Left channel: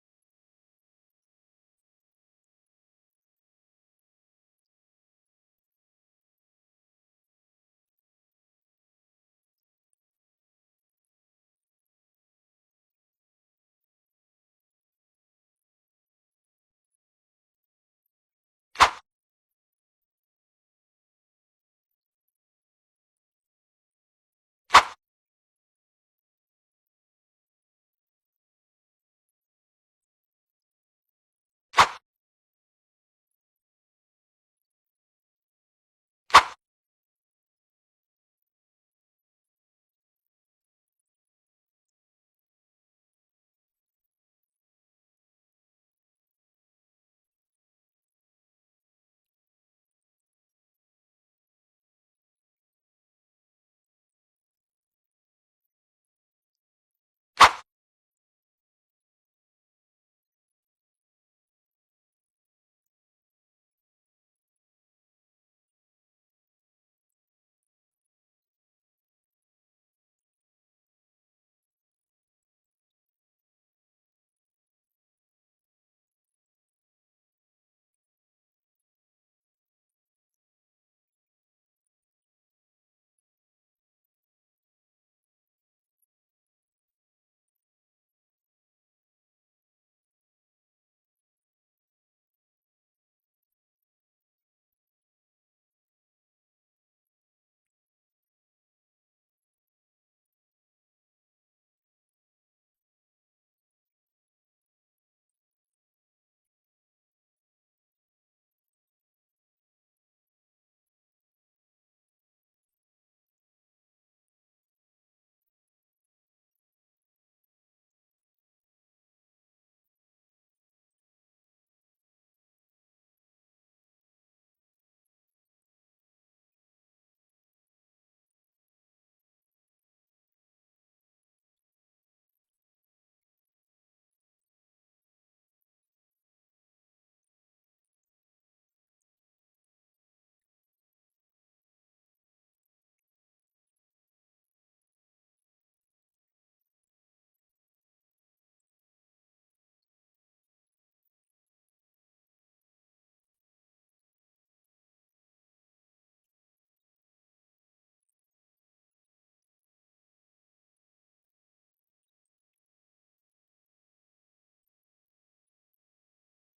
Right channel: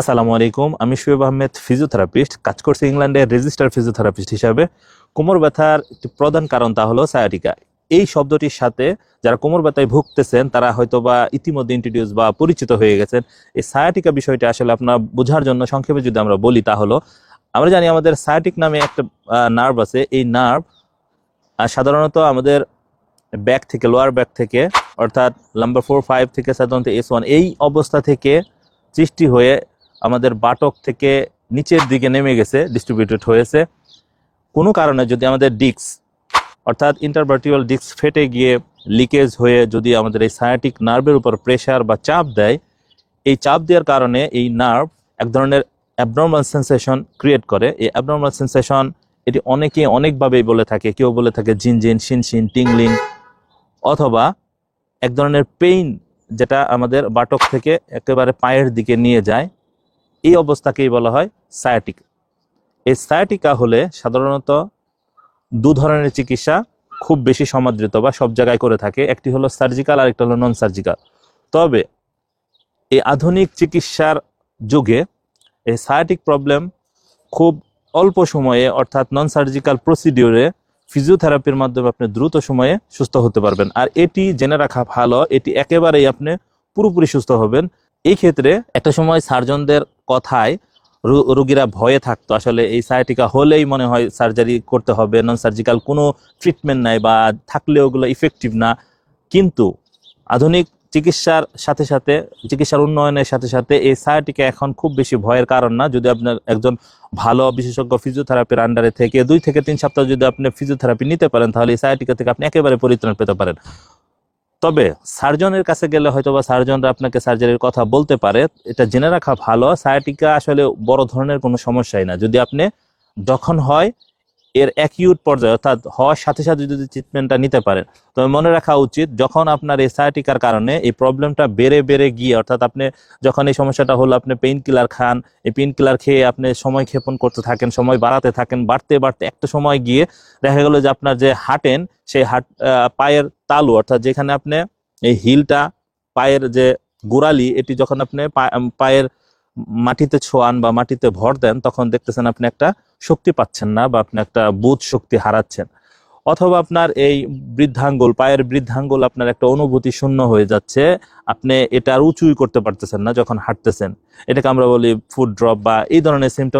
আসসালামু আলাইকুম। আমি শোয়েব আহমেদ, ফিজিওথেরাপিস্ট। কাজ করছি ইংল্যান্ডের রেজিস্টার ফিজিওথেরাপিস্ট হিসাবে। কোমর ব্যথার একটি প্রধান কারণ তা হলো সায়াটিকা। এই শব্দটির সাথে যারা কোমর ব্যথায় ভুগতেছেন তারা হয়তোবা ইতিমধ্যে ইন্ট্রোডিউস বা পরিচিত হয়ে গেছেন। এই সায়াটিকা বিষয়টা আসলে আপনার বোঝার জন্য সংক্ষেপে যদি আমরা বলি, তা হলো আমরা জানি আমাদের সায়াটিক নামে একটা নার্ভ আছে। এই নার্ভ সাধারণত আমাদের ব্যাক থেকে, লোয়ার ব্যাক থেকে, অর্থাৎ নাম্বার 4-5 থেকে সাধারণত S1 এই অবস্থা থেকে সৃষ্টি হয়ে আমাদের বাটক থেকে নিচের দিকে নেমে গেছে, ডিস্ট্রিবিউটেড হয়েছে। কোনো কারণে যদি আমাদের ডিস্ক অর্থাৎ ইন্টারভার্টিব্রাল ডিস্ক ফেটে গিয়ে লিকেজ হয়ে যদি আমাদের এই সায়াটিক নার্ভের উপর প্রেশার বা চাপ দেয়, এই চাপ দেওয়ার কারণে এই নার্ভ এক ধরনের অ্যাবনর্মাল সেন্সেশন ক্রিয়েট করে। এই অ্যাবনর্মাল সেন্সেশন এটি অনেকে অনেকভাবেই বলে থাকে। কেউ বলে থাকে ঝিনঝিন, শিনশিন, টিংলিং, অথবা এক ধরনের পেইন যেটা আমাদের বাটক থেকে একেবারে পায়ের দিকে নিয়ে যায়। এই অবস্থাকেই বলা হয় সায়াটিক। এই সায়াটিকা হলে সাধারণত দু ধরনের চিকিৎসা খুব বেশি সমাদৃত বা সব জায়গায় করে থাকে। একটি হলো সার্জিক্যাল, আর একটা হলো নন সার্জিক্যাল। তবে এই আধুনিক চিকিৎসার যুগে এই সায়াটিক প্রবলেম খুব অল্প সময়ে, অর্থাৎ নন সার্জিক্যাল প্রসিডিওরে ফিজিওথেরাপির মাধ্যমে আপনি দ্রুত সময়ে সুস্থ হতে পারবেন। আর এটি জেনে রাখা ভালো, এটি একেবারেই আপনি পুরোপুরি সুস্থ হবেন। এই ক্ষেত্রে একটা সময় সার্জনদের কথায় রোগীরা ভয়ে থাকতো, আসলে এই সায়াটিকা হলেই মনে হয় সার্জারি করতে হবে, নন সার্জিক্যাল কোনো ট্রিটমেন্ট নাই বা থাকলেও ওগুলো ইফেক্টিভ না। কিন্তু আধুনিক চিকিৎসার সাথে সাথে, চিকিৎসার উন্নয়নের সাথে সাথে এই সায়াটিকা এখন খুব বেশি ভয়ের কারণ না। যদি আপনার একজন ভালো বিশেষজ্ঞ ফিজিওথেরাপির আন্ডারে থেকে 2 থেকে 3 সপ্তাহ যদি আপনি ফিজিওথেরাপি নিতে পারেন, তাহলে এই সায়াটিকা থেকে আপনি একেবারে পরিত্রাণ পেতে পারেন। তবে সার্জনের কাছে গেলে হয়তোবা সার্জনরা আপনাকে সার্জারির কথা বলতে পারে। এটা জেনে রাখা ভালো, সায়াটিকা আসলে বড় ধরনের কোনো সমস্যাই না। যদি আপনি যখন হয় এর অ্যাকিউট পর্যায়ে, অর্থাৎ হওয়ার সাথে সাথে যদি ট্রিটমেন্টটা নিতে পারেন, তবে মনে রাখা উচিত যখন আপনার এই সায়াটিকার কারণে এই প্রবলেমটা বেড়ে বেড়ে গিয়ে, অর্থাৎ আপনি যখন এই সমস্যাটা হলো, আপনি পেইন কিলার খান, এই পেইন কিলার খেয়ে আপনি সময় ক্ষেপণ করতে থাকেন, সময় বাড়াতে থাকেন, বাড়তে বাড়তে একটা সময় গিয়ে দেখা গেল যে আপনার যে হাঁটেন সেই পায়ের তালু, অর্থাৎ যেখানে আপনি এই হিলটা, পায়ের যে গোড়ালি, এটি যখন আপনি পায়ের মাটিতে ছোঁয়ান বা মাটিতে ভর দেন, তখন দেখতেছেন আপনি একটা শক্তি পাচ্ছেন না বা আপনি একটা বোধ শক্তি হারাচ্ছেন। অথবা আপনার এই বৃদ্ধাঙ্গুল, পায়ের বৃদ্ধাঙ্গুল আপনার একটা অনুভূতি শূন্য হয়ে যাচ্ছে, আপনি এটা আর উঁচুই করতে পারতেছেন না যখন হাঁটতেছেন। এটাকে আমরা বলি ফুট ড্রপ বা এই ধরনের সিমটম